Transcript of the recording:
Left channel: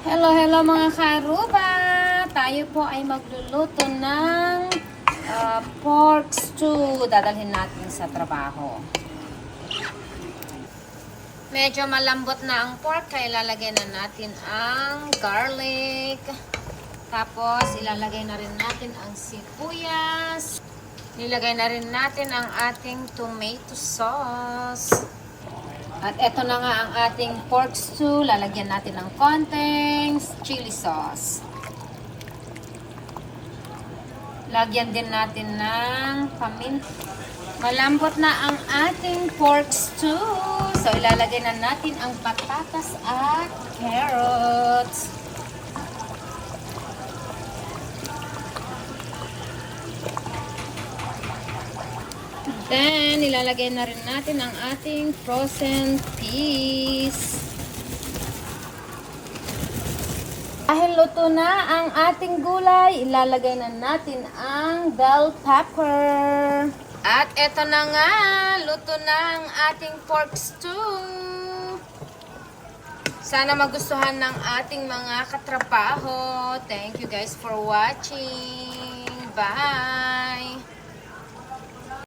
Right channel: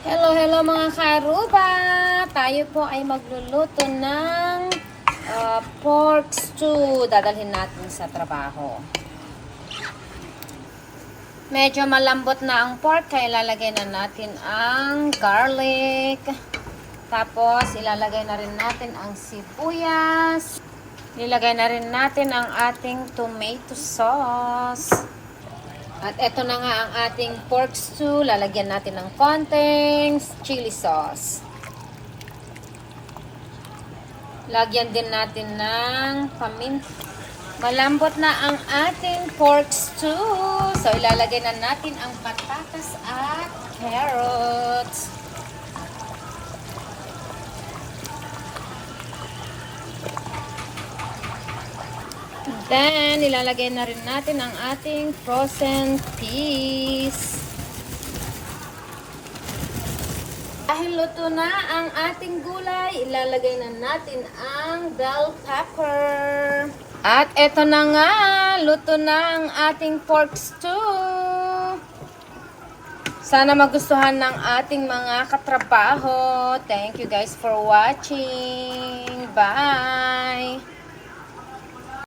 Hello mga karuba! Tayo po ay magluluto ng pork stew. Dadalhin natin sa trabaho. Medyo malambot na ang pork, kaya ilalagay na natin ang garlic. Tapos ilalagay na rin natin ang sibuyas. Ilagay na rin natin ang ating tomato sauce. At eto na nga ang ating pork stew. Lalagyan natin ng konting chili sauce. Lagyan din natin ng paminta. Malambot na ang ating pork stew. So, ilalagay na natin ang patatas at carrots. Then, ilalagay na rin natin ang ating frozen peas. Dahil luto na ang ating gulay, ilalagay na natin ang bell pepper. At eto na nga, luto na ang ating pork stew. Sana magustuhan ng ating mga katrabaho. Thank you guys for watching. Bye!